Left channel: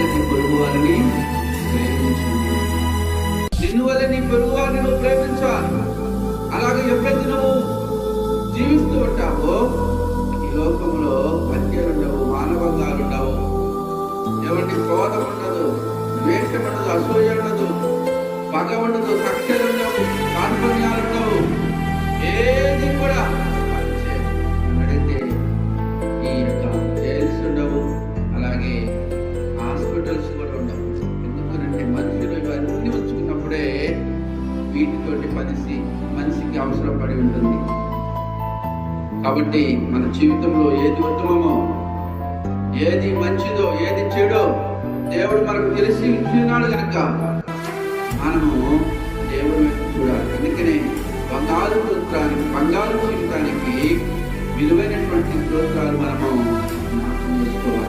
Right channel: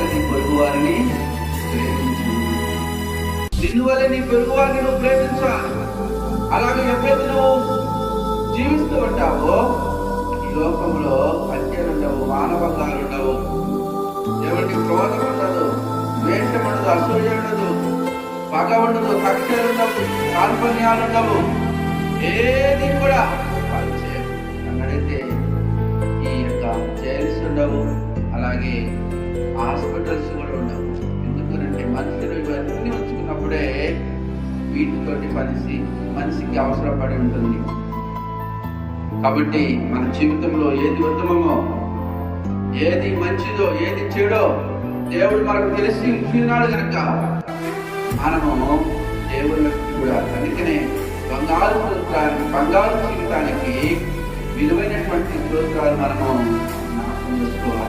వల్ల నీ పొరుగు వారిని ప్రేమించు. నిన్ను వల్ల నీ పొరుగు వారిని నువ్వు ప్రేమించాలి. అలాగే ఎప్పుడైతే నువ్వు జీవిస్తూ ఉంటావో ఈ లోకంలో హత్యలు ఉండవు, మానవంగాలు ఉండవు, ఎవరికి క్రోధం ఉండదు, ద్వేషం ఉండదు, అసూయ ఉండదు, పగ ఉండదు, కక్షలు ఉండవు, కార్పణ్యాలు ఉండవు, ఏది కూడా పనిచేయదు. అక్కడైతే ఈ యొక్క జైల్స్ ఉండవు, అలాగే హాస్పిటల్స్ కూడా ఉండవు. ఎందుకంటే మనుషులు ఇవన్నీ ఉంచుకున్నప్పుడే వీటితోటి మనిషికి అవసరపడి ఉంటుంది. కాబట్టి మన జీవితంలో ఏది ఉత్తమమో, ఏది మంచిదో, ఏది చెడో దేవుడు మనకు తెలిసి ఇచ్చినాడు కనుక మనము దేవుని చూడాలి. అందుకనే బంగారు జీవితానికి విలువైనటువంటి స్తోత్రాలు మనము చేసుకోవాలి.